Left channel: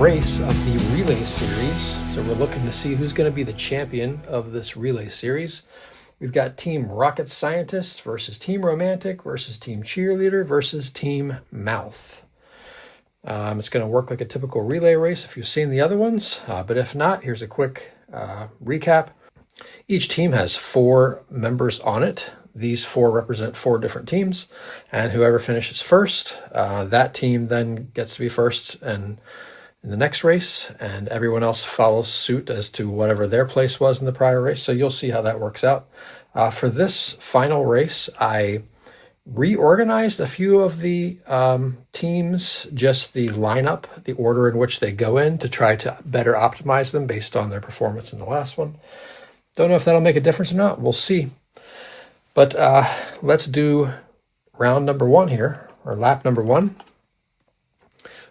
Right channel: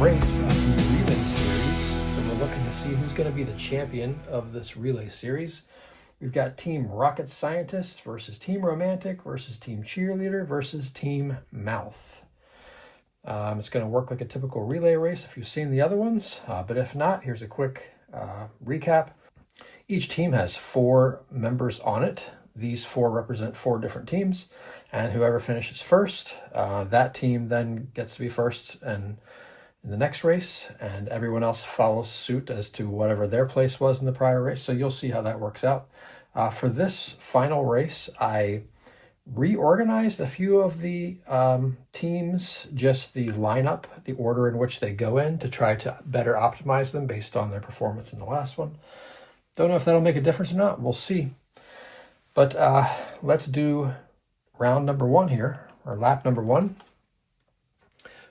race of the relay series. So we're looking to see who's going to be the champion of this relay series. We've got Team Rocket Scientist versus Team Romantic versus Team Cheerleader versus Team Mouth. It's going to work like a typical relay race if you've seen the other ones, but if not, here's a quick recap. Each team has 4 members on it. These 4 represent 4 different teams, and whoever finishes first, that team then gets to be first and in the next race, and everyone else follows suit as to whatever their place was in the prior race. So you'll see how that works out. For this final race, I reorganized a few of the teams, just the lineup, the order in which they go in, to try to better optimize them based on their performance in the last one. Don't know if that'll make a difference or not. We'll see. But let's do round number 1 here, or lap number 1.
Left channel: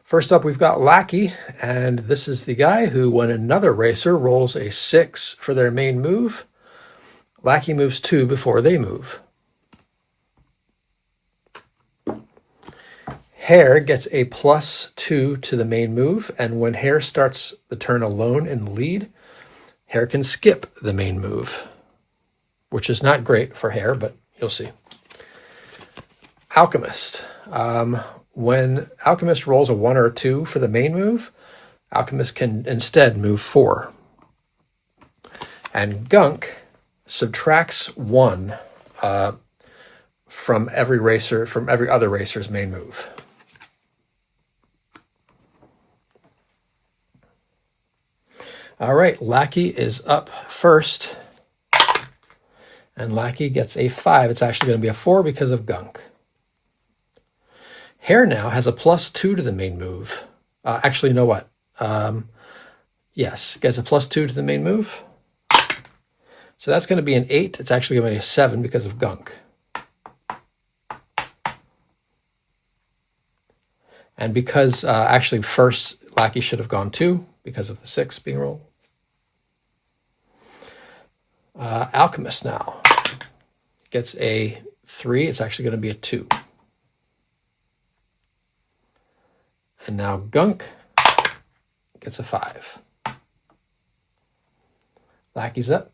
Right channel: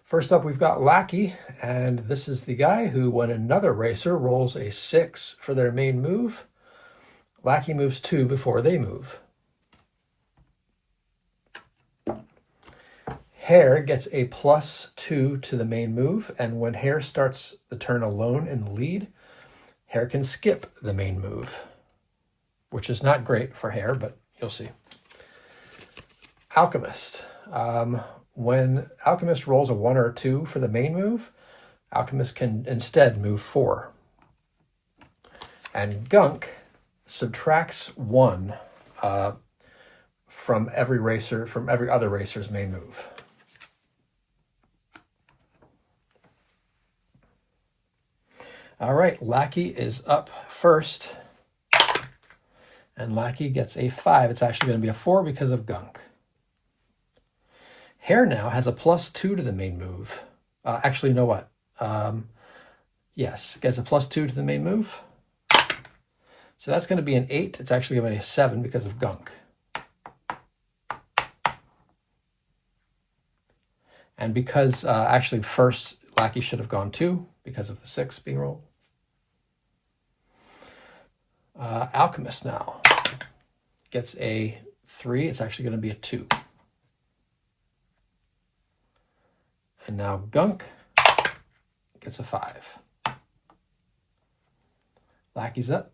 First up, we've got Lackey, and this is the guy who, when another racer rolls a 6 for their main move, Lackey moves 2 before they move. Hare gets a +2 to the main move, and when Hare starts the turn alone in the lead, Hare can skip the main move, which is not great for Hare, but you'll see. Alchemist. When Alchemist rolls a 1 or a 2 for the main move, Alchemist can instead move 4. And Gunk subtracts 1 from every other racer's main move. All right, Lackey is up first, and Lackey gets a 5. It's actually going to be a 4 because of Gunk. Hare now has a +2 to the main move. Actually, you know what? Yes, gets a +2 to the main move. So that's going to be an 8. It's actually going to be a 7 because of Gunk. And because actually first Lackey should have gone 2 because of the 6 being rolled. Alchemist now gets a 3. It's actually going to be a 2. And now Gunk gets a 5. Lackey's up.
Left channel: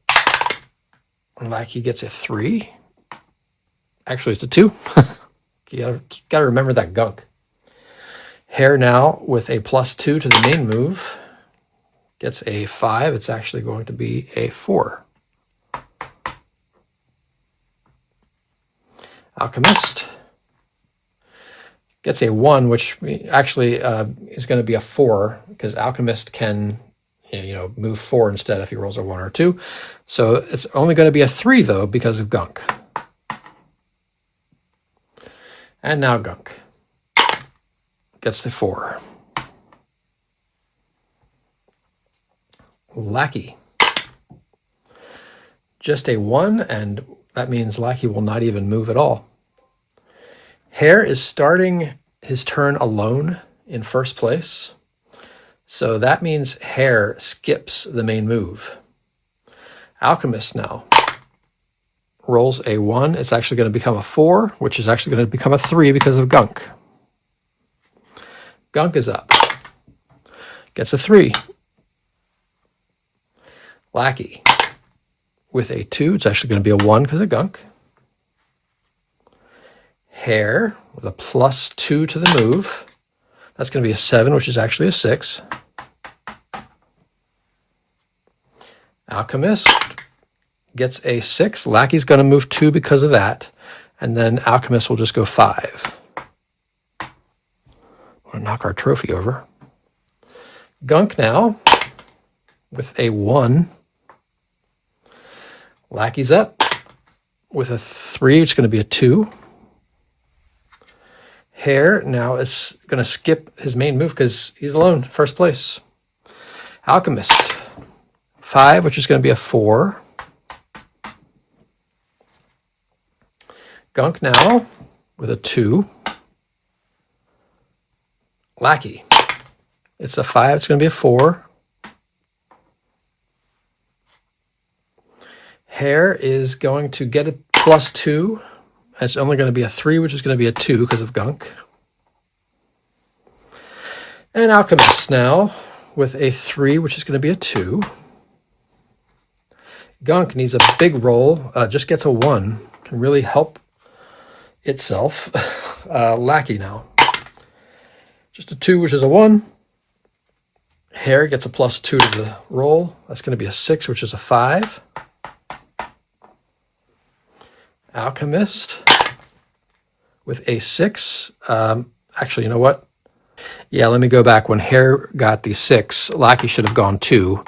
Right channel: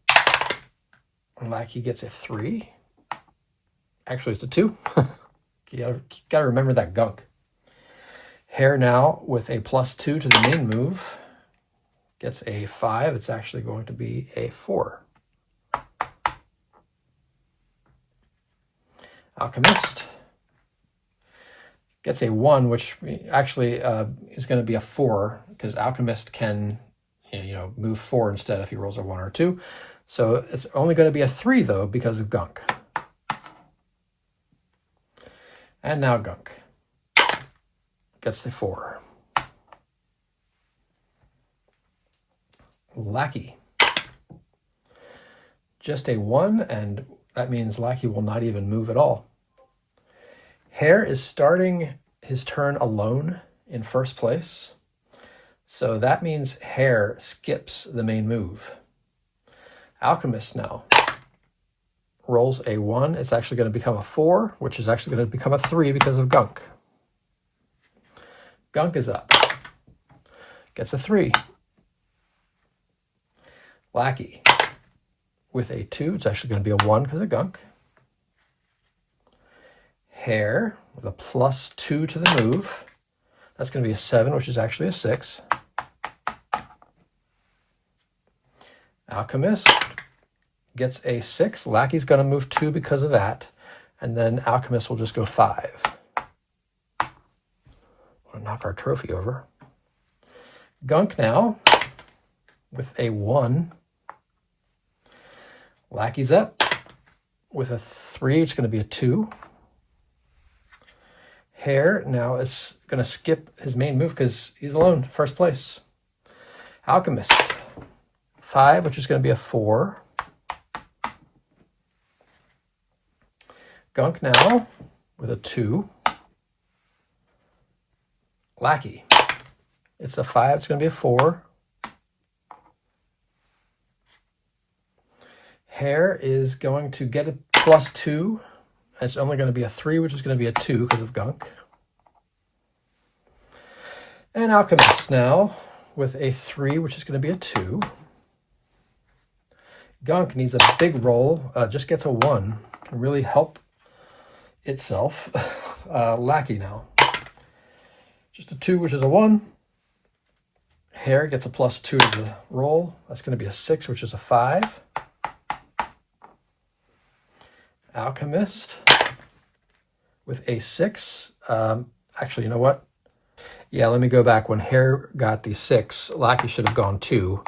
And Lackey gets a 3. Actually, it's a 2. You gotta remember that Gunk. Hare now with a +2 to the main move gets a 5. It's actually going to be a 4. Alchemist gets a 1, which actually is going to be a 4 because Alchemist can, move 4 instead if he rolls a 1 or 2. So it's only going to be a 3 though because of Gunk. And now Gunk gets the 4. Lackey, just a 1, and that means Lackey will not even move at all. Hare is starting his turn alone in first place. So that means Hare skips the main move. Alchemist now rolls a 1. It's actually going to become a 4, which is actually going to become a 3 because of Gunk. Gunk is up. Gets a 3. Lackey with a 2. It's actually going to be a 1 because of Gunk. Hare with a +2 to the move. That's going to be a 7, which is actually a 6. Alchemist gets a 6. Lackey's going to move 2 because of that. And then Alchemist will just go 5. Want to knock our trophy over. Gunk now with a 1. Lackey's up with a 3, which is going to be a 2. Hare now is going to skip his main move because he's alone, first place. Alchemist, 5, which is going to be a 4. Gunk now with a 2. Lackey, it's a 5, it's going to be a 4. Hare is going to get a +2. It's only going to be a 3, which is going to be a 2 because of Gunk. And Alchemist now with a 3, which is going to be a 2. Gunk needs a big roll, just gets a 1. Can really help itself. Lackey now. Just a 2, which is a 1. Hare gets a +2 to the roll. That's going to be a 6, which is a 5. Alchemist with a 6. Actually, you know what? Yeah, let me go back. When Hare got the 6, Lackey should have gone 2.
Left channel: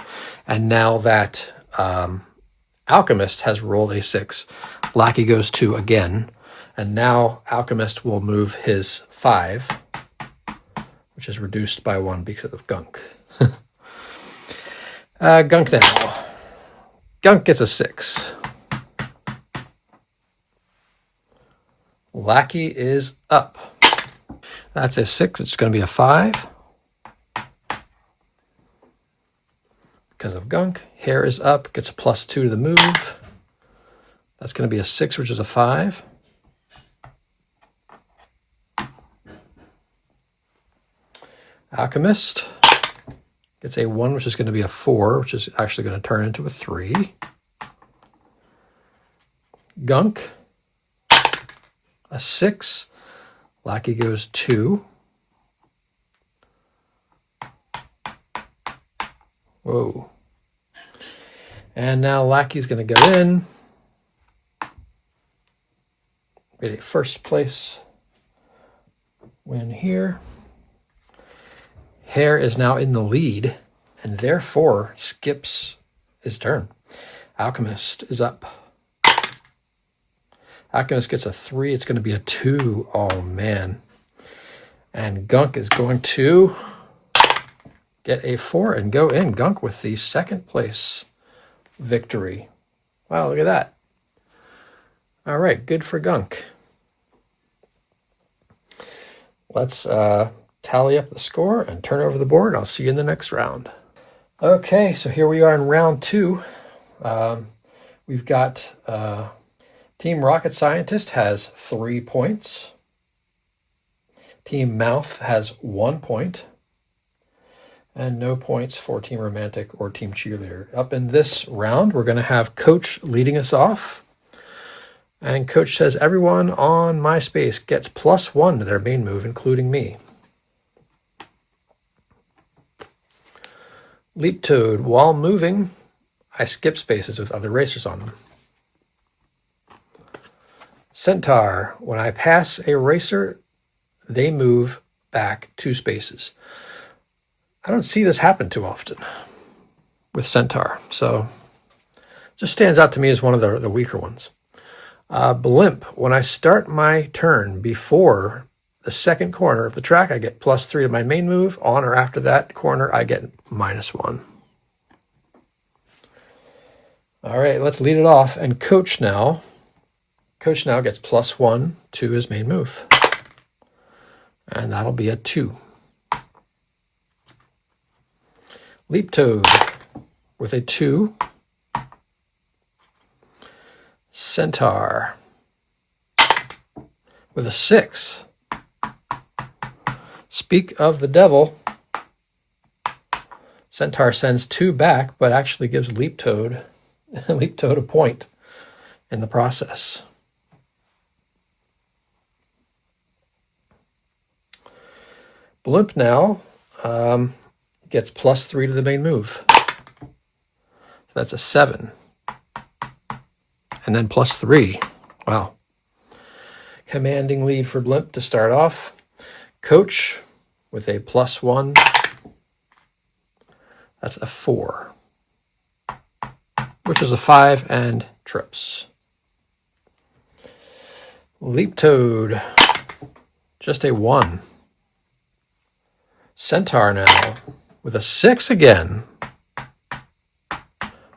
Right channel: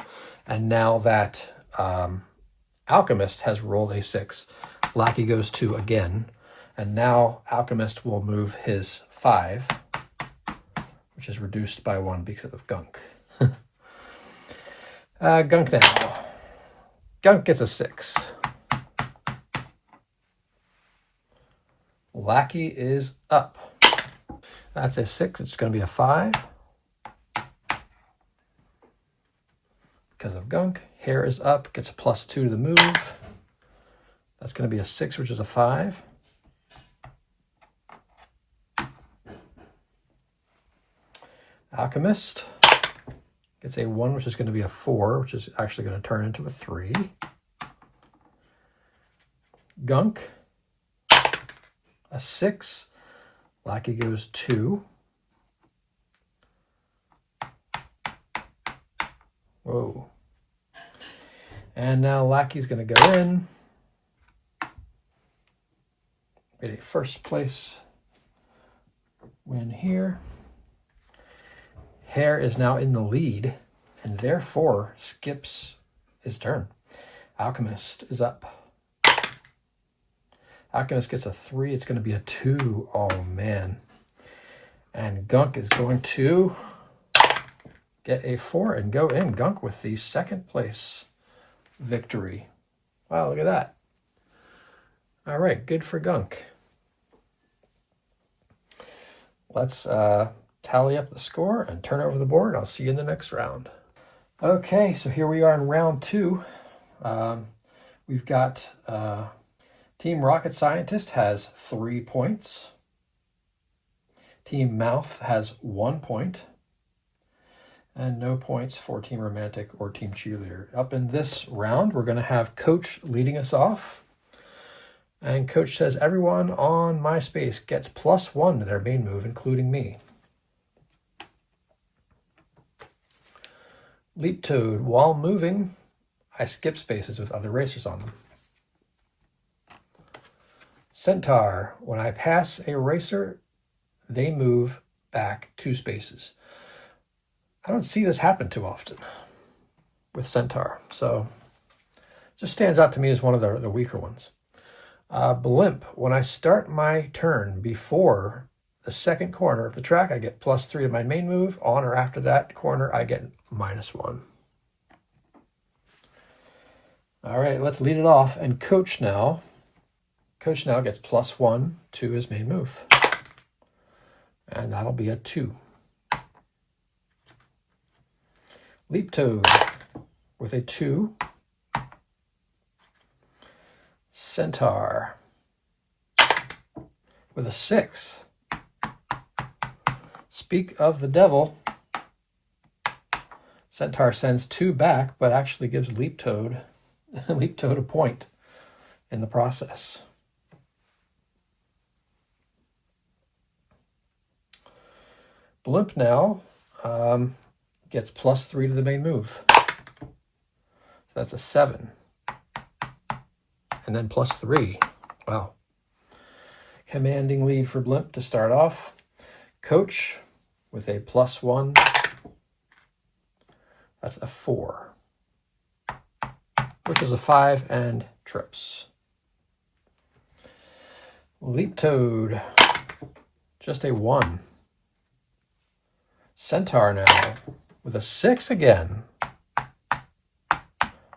And now that Alchemist has rolled a 6, Lackey goes 2 again. And now Alchemist will move his 5, which is reduced by 1 because of Gunk. Gunk now. Gunk gets a 6. Lackey is up. That's a 6. It's going to be a 5. Because of Gunk. Hare is up. Gets a +2 to the move. That's going to be a 6, which is a 5. Alchemist gets a 1, which is going to be a 4, which is actually going to turn into a 3. Gunk, a 6. Lackey goes 2. Whoa. And now Lackey's going to go in. Get a first place win here. Hare is now in the lead and therefore skips his turn. Alchemist is up. Alchemist gets a 3. It's going to be a 2. Oh, man. And Gunk is going to get a 4 and go in. Gunk with the second place victory. Wow, look at that. All right, good for Gunk. Let's tally up the score and turn over the board. I'll see you in the next round. Okay, so here we are in round 2. We've got Team Rocket Scientist has 3 points. Team Mouth has 1 point. And no points for Team Romantic or Team Cheerleader. Up in this round, we're going to have Coach leading us off. And Coach says everyone on MySpace gets +1 to their main move, including me. Leap Toad, while moving, I skip spaces with other racers on them. Centaur, when I pass a racer, they move back 2 spaces. I don't see this happen too often with Centaur, so it just stands out to me as one of the weaker ones. Blimp, when I start my turn before the second corner of the track, I get +3 to my main move. On or after that corner, I get -1. All right, let's lead it off. And Coach now gets +1 to his main move. And that'll be a 2. Leap Toad with a 2. Centaur with a 6. Speak of the devil, Centaur sends 2 back, but actually gives Leap Toad a point in the process. Blimp now gets +3 to the main move. So that's a 7. And then +3. Wow. Commanding lead for Blimp to start off. Coach with a +1. That's a 4. Which is a 5 and trips. Leap Toad, just a 1. Centaur now with a 6 again.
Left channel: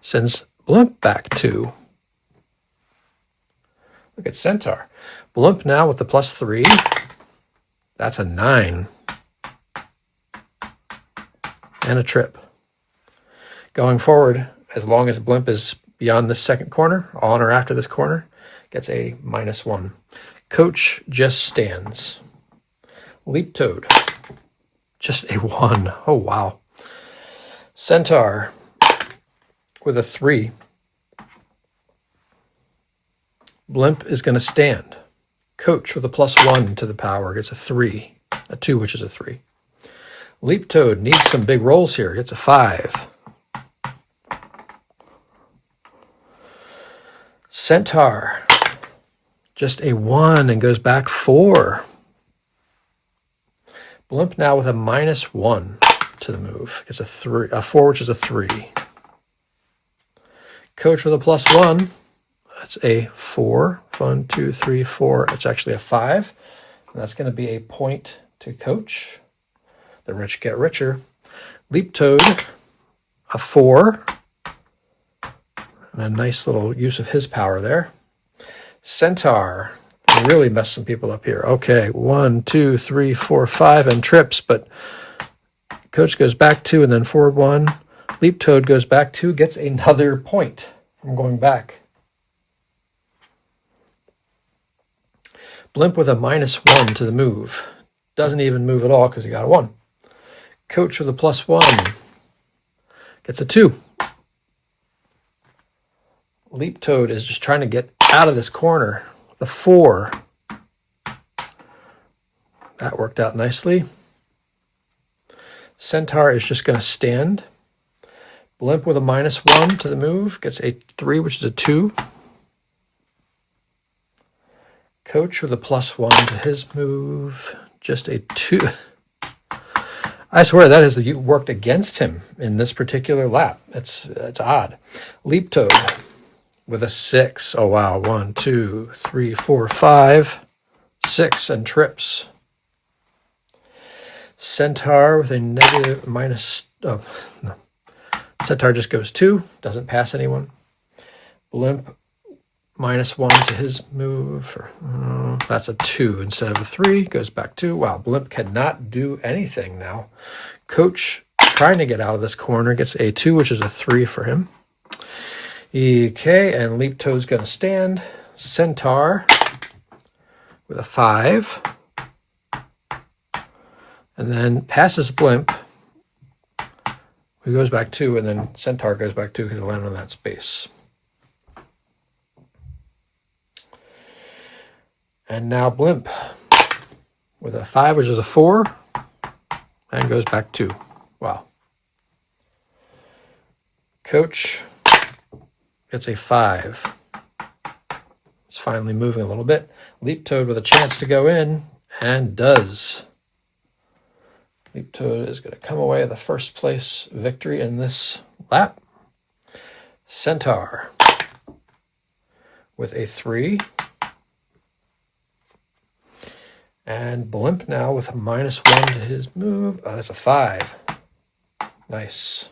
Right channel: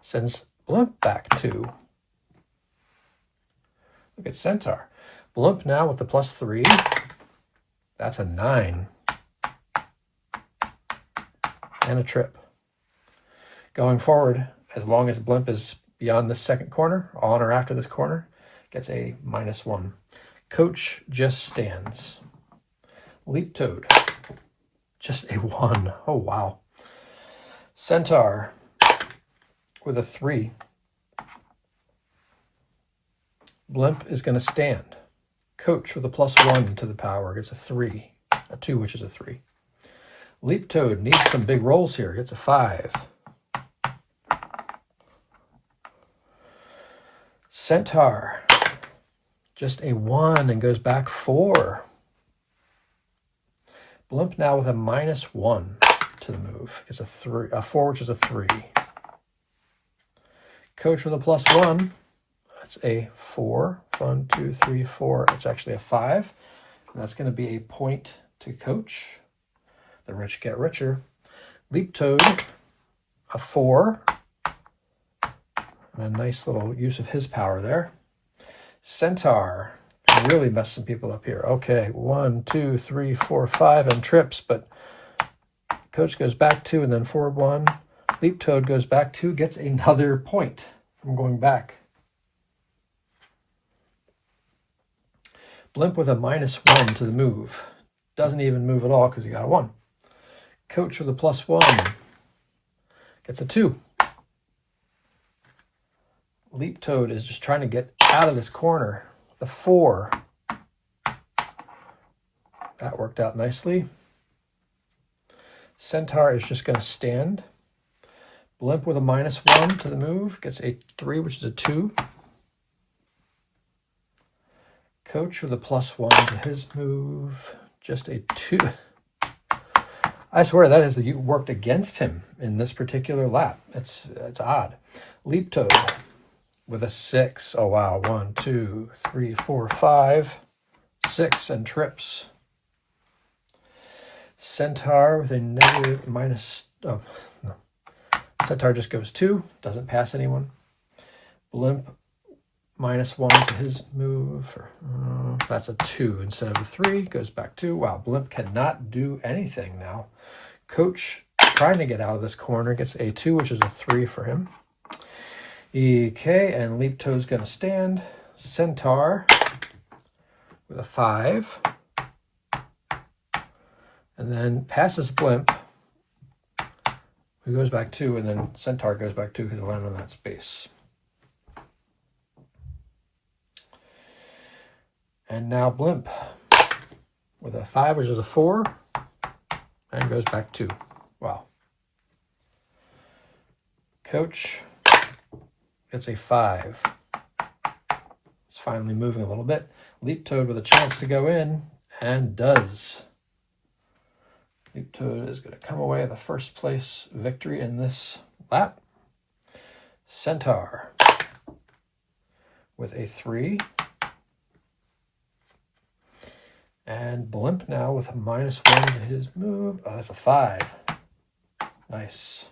Sends Blimp back 2. Look at Centaur. Blimp now with the +3. That's a 9. And a trip. Going forward, as long as Blimp is beyond this second corner, on or after this corner, gets a -1. Coach just stands. Leap Toad. just a 1. Oh, wow. Centaur with a 3. Blimp is going to stand. Coach with a +1 to the power gets a 3. A 2, which is a 3. Leap Toad needs some big rolls here. Gets a 5. Centaur, just a 1 and goes back 4. Blimp now with a -1 to the move. Gets a 4, which is a 3. Coach with a +1. That's a 4. 1, 2, 3, 4. It's actually a 5. And that's going to be a point to Coach. The rich get richer. Leap Toad, a 4. And a nice little use of his power there. Centaur can really mess some people up here. Okay, 1, 2, 3, 4, 5, and trips, but Coach goes back 2 and then forward 1. Leap Toad goes back 2, gets another point from going back. Blimp with a -1 to the move. Doesn't even move at all because he got a 1. Coach with a +1 gets a 2. Leap Toad is just trying to get out of this corner. The 4. That worked out nicely. Centaur is just going to stand. Blimp with a -1 to the move gets a 3, which is a 2. Coach with a +1 to his move, just a 2. I swear that has worked against him in this particular lap. It's odd. Leap Toad with a 6. Oh, wow. 1, 2, 3, 4, 5, 6, and trips. Centaur with a negative minus. Oh, no. Centaur just goes 2, doesn't pass anyone. Blimp -1 to his move. That's a 2 instead of a 3. Goes back 2. Wow, Blimp cannot do anything now. Coach trying to get out of this corner gets a 2, which is a 3 for him. Okay, and Leap Toad's going to stand. Centaur with a 5. And then passes Blimp, who goes back 2, and then Centaur goes back 2 because he'll land on that space. And now Blimp with a 5, which is a 4, and goes back 2. Wow. Coach gets a 5. It's finally moving a little bit. Leap Toad with a chance to go in, and does. Leap Toad is going to come away with the first place victory in this lap. Centaur with a 3. And Blimp now with a -1 to his move. Oh, that's a 5. Nice.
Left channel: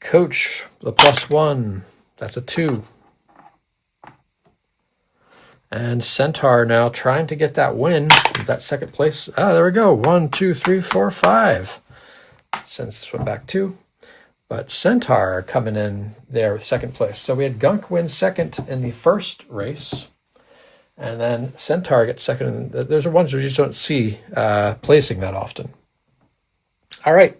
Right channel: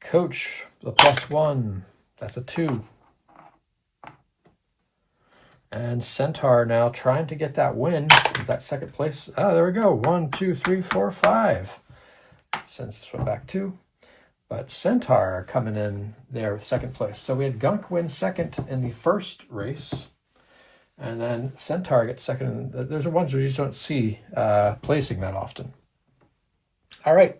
Coach with a +1. That's a 2. And Centaur now trying to get that win, that second place. Oh, there we go. 1, 2, 3, 4, 5. Sends this one back 2. But Centaur coming in there with second place. So we had Gunk win second in the first race. And then Centaur gets second. Those are ones we just don't see placing that often. All right.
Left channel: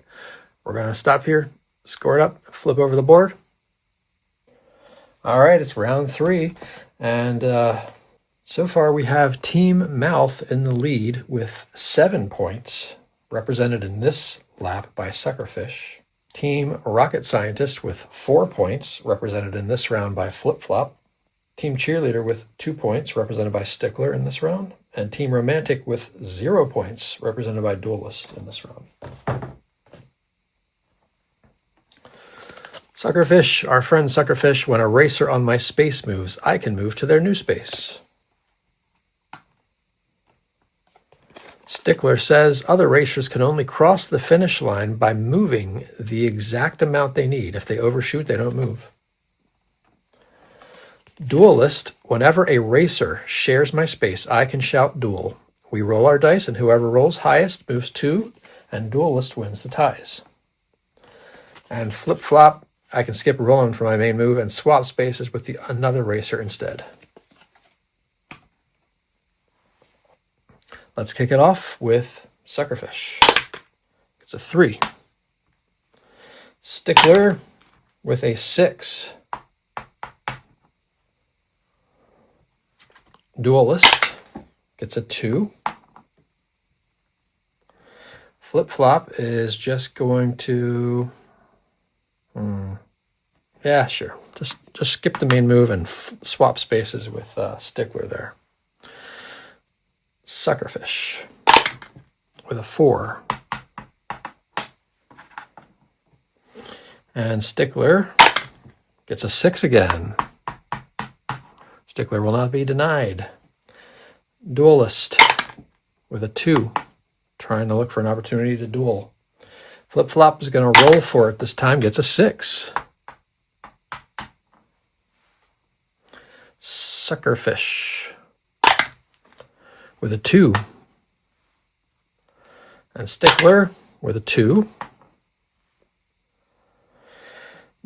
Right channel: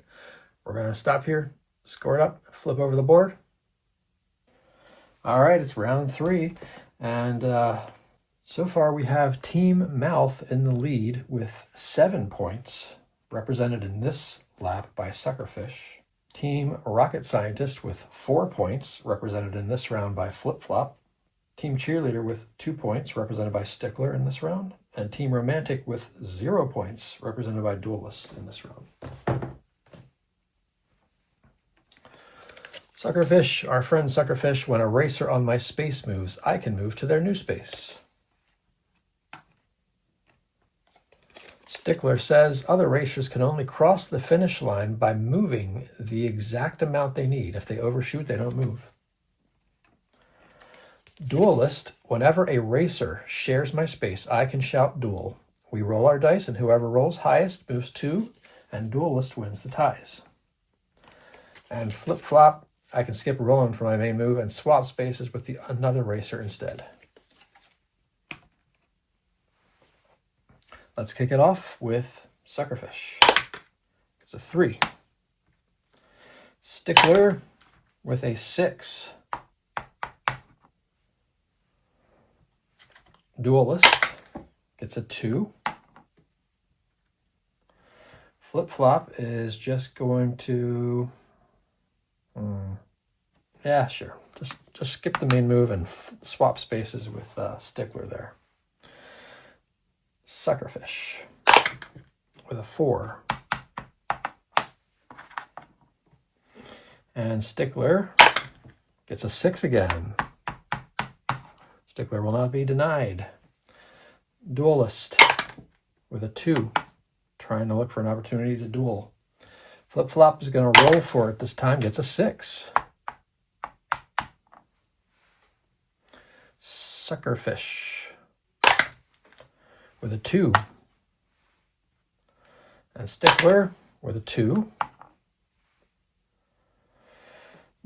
We're going to stop here, score it up, flip over the board. All right. It's round 3. And so far we have Team Mouth in the lead with 7 points, represented in this lap by Suckerfish. Team Rocket Scientist with 4 points, represented in this round by Flip Flop. Team Cheerleader with 2 points, represented by Stickler in this round. And Team Romantic with 0 points, represented by Duelist in this round. Suckerfish, our friend Suckerfish, when a racer on my space moves, I can move to their new space. Stickler says other racers can only cross the finish line by moving the exact amount they need. If they overshoot, they don't move. Duelist, whenever a racer shares my space, I can shout duel. We roll our dice, and whoever rolls highest moves 2, and Duelist wins the ties. And Flip Flop, I can skip rolling for my main move and swap spaces with another racer instead. Let's kick it off with Suckerfish. It's a 3. Stickler with a 6. Duelist gets a 2. Flip Flop is just going to, yeah, sure. Just skip the main move and swap spaces with Stickler there. Suckerfish with a 4. And Stickler gets a 6 again. Stickler will not be denied. Duelist with a 2, trying to look for an opportunity to duel. Flip Flop is going to roll for it this time, gets a 6. Suckerfish with a 2. And Stickler with a 2.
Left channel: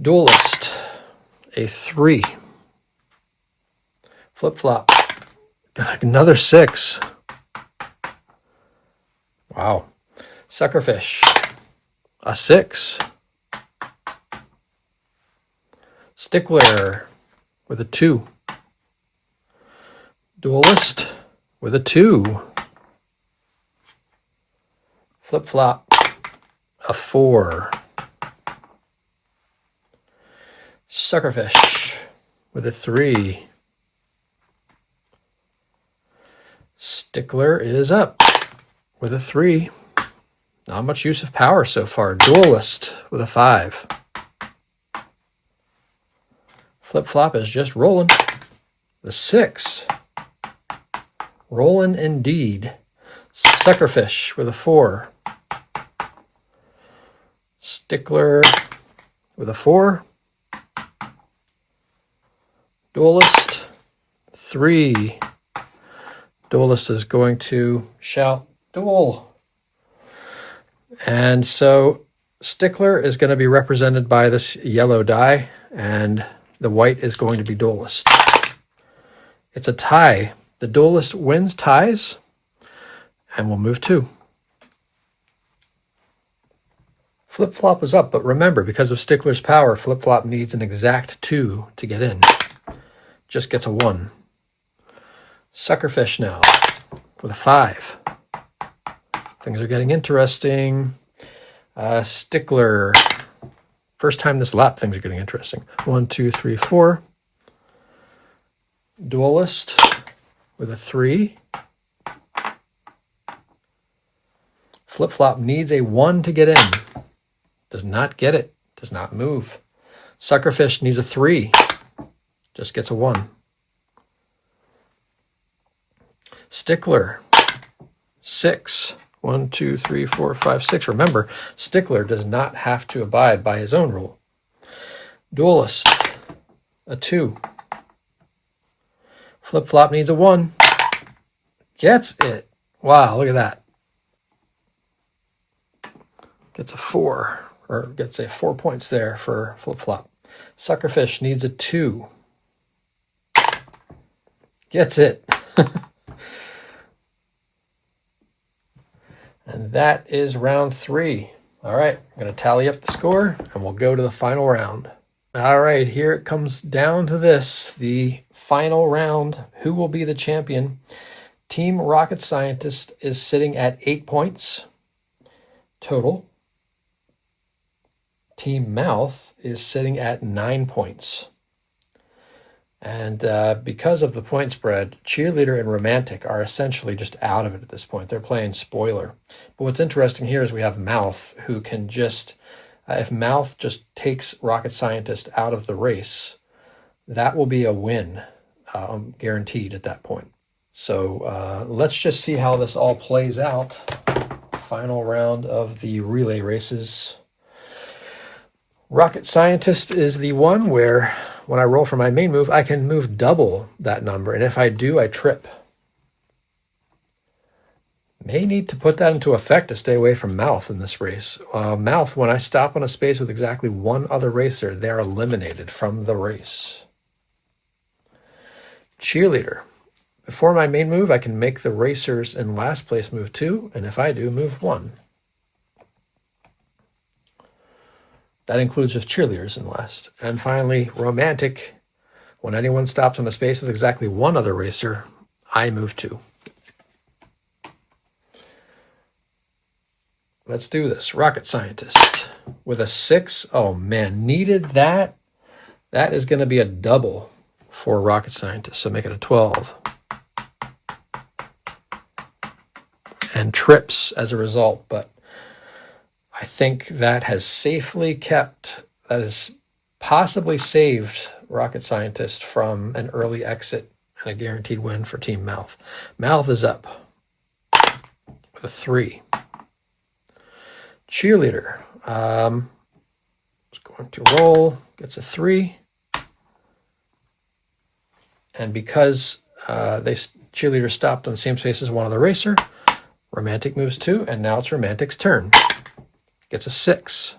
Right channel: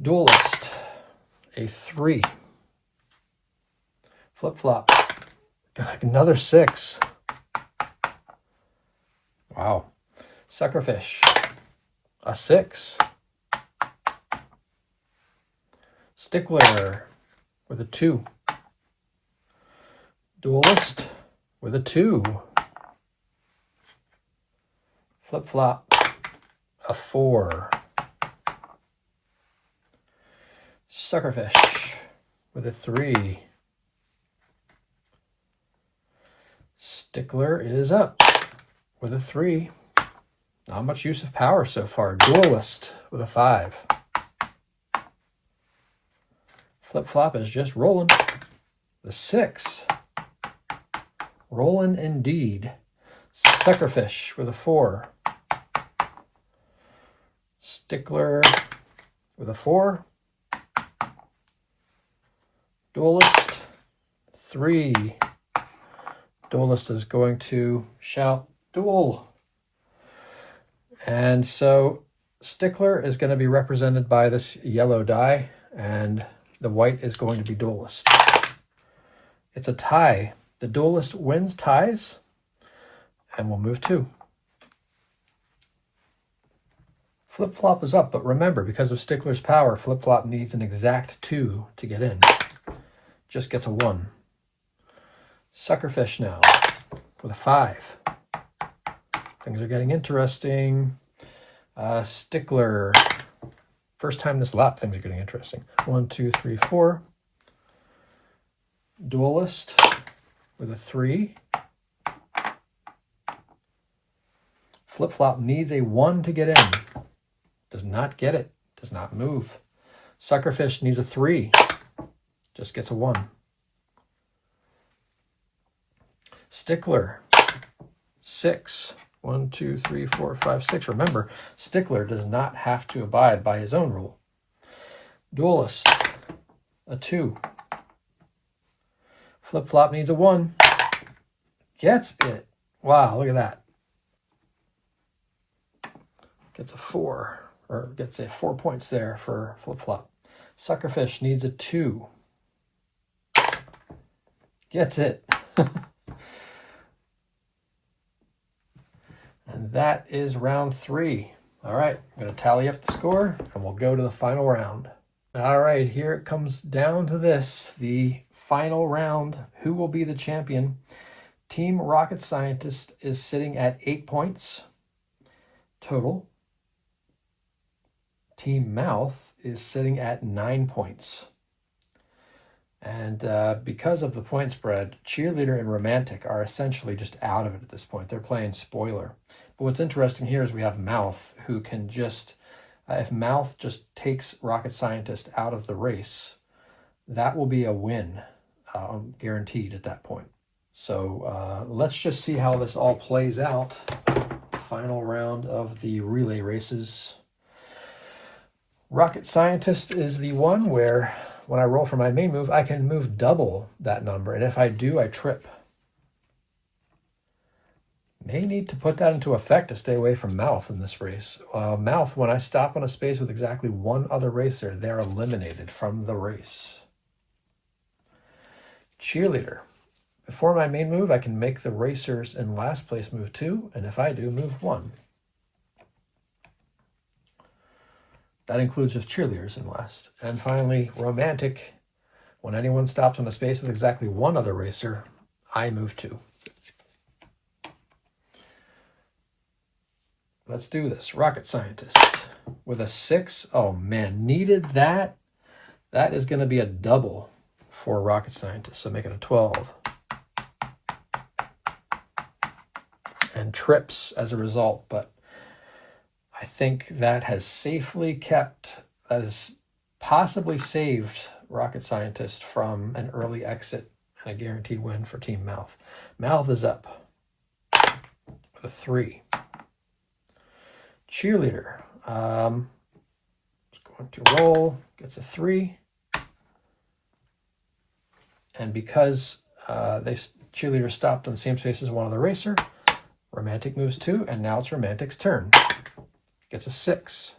Duelist, a 3. Flip Flop, another 6. Wow. Suckerfish, a 6. Stickler with a 2. Duelist with a 2. Flip Flop, a 4. Suckerfish with a 3. Stickler is up with a 3. Not much use of power so far. Duelist with a 5. Flip Flop is just rolling. The 6. Rolling indeed. Suckerfish with a 4. Stickler with a 4. Duelist, 3. Duelist is going to shout, duel. And so Stickler is going to be represented by this yellow die, and the white is going to be Duelist. It's a tie. The Duelist wins ties, and we'll move 2. Flip Flop is up, but remember, because of Stickler's power, Flip Flop needs an exact 2 to get in. Just gets a 1. Suckerfish now with a 5. Things are getting interesting. Stickler. First time this lap, things are getting interesting. 1, 2, 3, 4. Duelist with a 3. Flip Flop needs a 1 to get in. Does not get it. Does not move. Suckerfish needs a 3. Just gets a 1. Stickler, 6. 1, 2, 3, 4, 5, 6. Remember, Stickler does not have to abide by his own rule. Duelist, a 2. Flip Flop needs a 1. Gets it. Wow, look at that. Gets a 4, or gets a 4 points there for Flip Flop. Suckerfish needs a 2. Gets it. And that is round 3. All right, I'm going to tally up the score, and we'll go to the final round. All right, here it comes down to this, the final round. Who will be the champion? Team Rocket Scientist is sitting at 8 points total. Team Mouth is sitting at 9 points. And because of the point spread, Cheerleader and Romantic are essentially just out of it at this point. They're playing spoiler. But what's interesting here is we have Mouth, who can just, if Mouth just takes Rocket Scientist out of the race, that will be a win, guaranteed at that point. So let's just see how this all plays out. Final round of the relay races. Rocket Scientist is the one where when I roll for my main move, I can move double that number. And if I do, I trip. May need to put that into effect to stay away from Mouth in this race. Mouth, when I stop on a space with exactly one other racer, they're eliminated from the race. Cheerleader. Before my main move, I can make the racers in last place move 2. And if I do, move 1. That includes just cheerleaders in last. And finally, romantic. When anyone stops on a space with exactly one other racer, I move 2. Let's do this. Rocket Scientist with a 6. Oh man, needed that. That is going to be a double for Rocket Scientist, so make it a 12. And trips as a result, but I think that has possibly saved Rocket Scientist from an early exit and a guaranteed win for Team Mouth. Mouth is up with a 3. Cheerleader is going to roll, gets a 3. And because Cheerleader stopped on the same space as one other racer, Romantic moves 2, and now it's Romantic's turn. Gets a 6.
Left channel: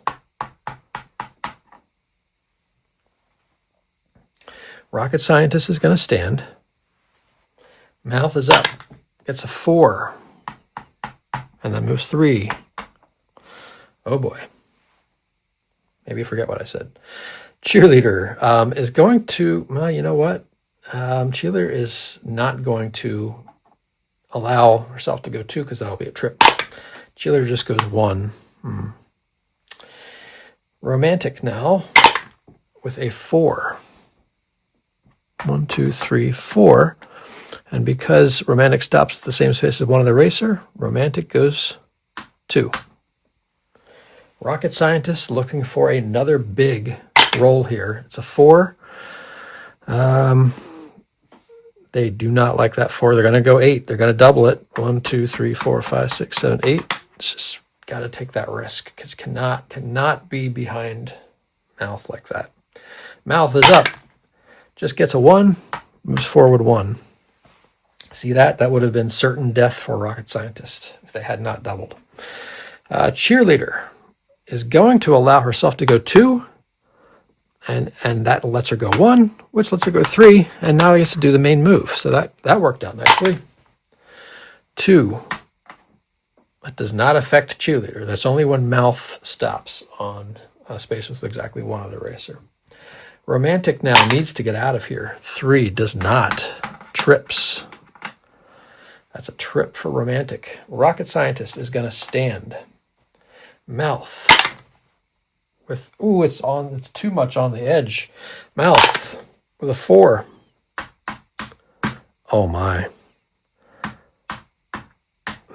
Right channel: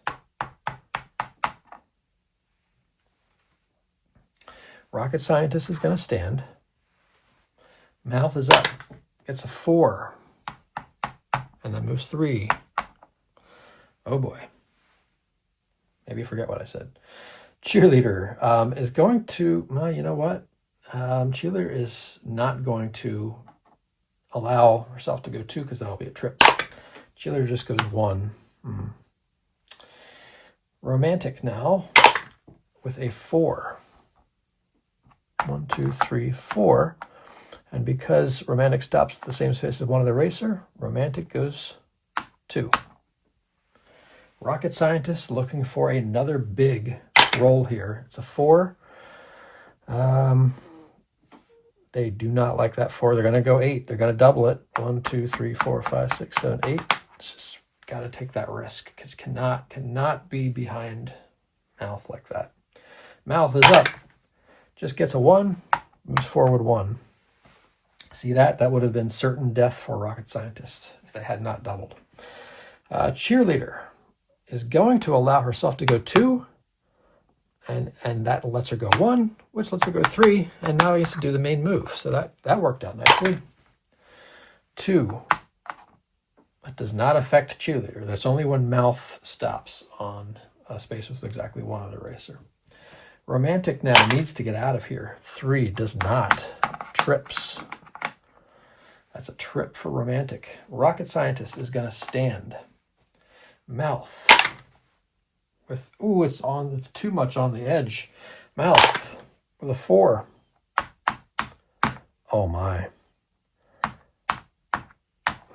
Rocket Scientist is going to stand. Mouth is up. Gets a 4. And then moves 3. Oh boy. Maybe you forget what I said. Cheerleader is going to, well, you know what? Cheerleader is not going to allow herself to go 2 because that'll be a trip. Cheerleader just goes 1. Romantic now with a 4. 1, 2, 3, 4. And because Romantic stops at the same space as one of the racer, Romantic goes 2. Rocket Scientist looking for another big roll here. It's a 4. They do not like that 4. They're going to go 8. They're going to double it. 1, 2, 3, 4, 5, 6, 7, 8. It's just got to take that risk because cannot be behind Mouth like that. Mouth is up. Just gets a 1. Moves forward 1. See that? That would have been certain death for Rocket Scientist if they had not doubled. Cheerleader is going to allow herself to go 2. And that lets her go 1, which lets her go 3, and now he gets to do the main move. So that worked out nicely. 2. That does not affect Cheerleader. That's only when Mouth stops on a space with exactly one other racer. Romantic now needs to get out of here. 3 does not. Trips. That's a trip for Romantic. Rocket Scientist is going to stand. Mouth. With, it's too much on the edge. Mouth with a 4. Oh my.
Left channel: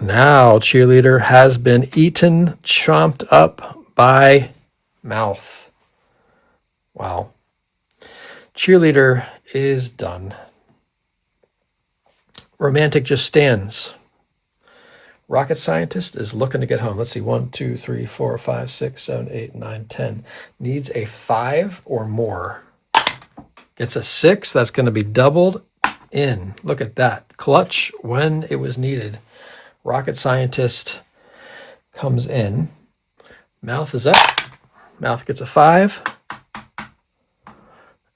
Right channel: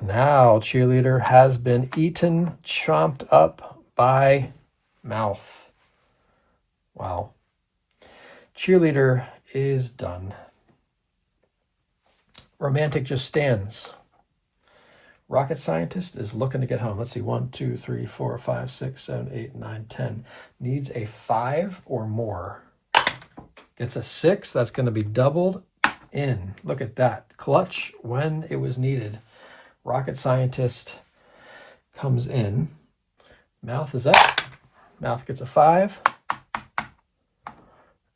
Now Cheerleader has been eaten, chomped up by Mouth. Wow. Cheerleader is done. Romantic just stands. Rocket Scientist is looking to get home. Let's see, 1, 2, 3, 4, 5, 6, 7, 8, 9, 10. Needs a 5 or more. Gets a 6. That's going to be doubled in. Look at that. Clutch when it was needed. Rocket Scientist comes in. Mouth is up. Mouth gets a 5.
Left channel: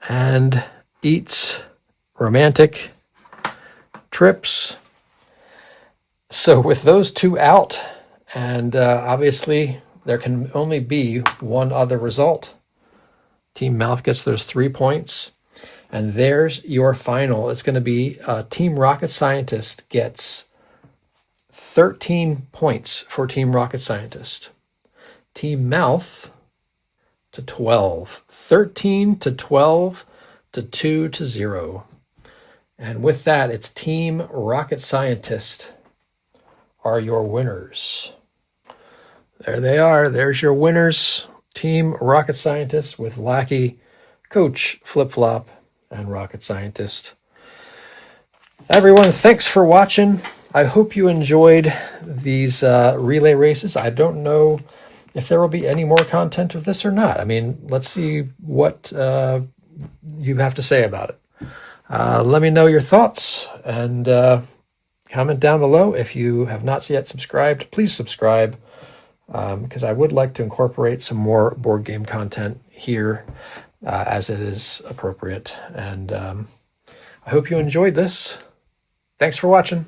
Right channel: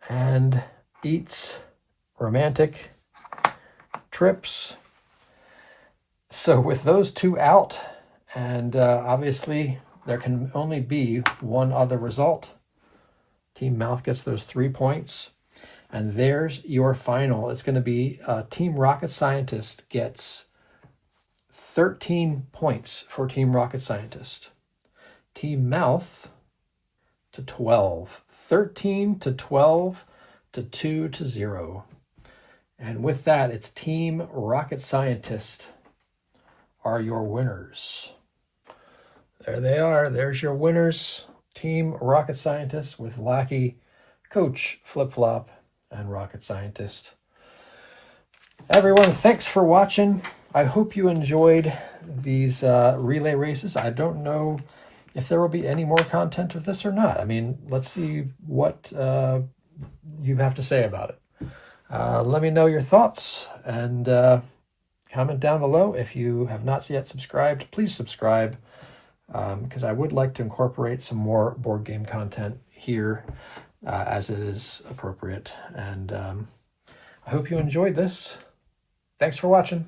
And eats Romantic. Trips. So with those 2 out, and obviously there can only be one other result. Team Mouth gets those 3 points, and there's your final. It's going to be Team Rocket Scientist gets 13 points for Team Rocket Scientist. Team Mouth to 12. 13 to 12 to 2 to 0. And with that, it's Team Rocket Scientist are your winners. There they are. There's your winners. Team Rocket Scientist with Lackey, Coach Flip Flop, and Rocket Scientist. Everyone, thanks for watching. I hope you enjoyed these relay races. I don't know if there will be any more content of this or not. I mean, let's see what you have to say about it. Let me know your thoughts, and comment down below. If you have not yet subscribed, please subscribe, because I would like to incorporate some more board game content here as it is appropriate. And I hope you enjoyed this. Thanks for watching.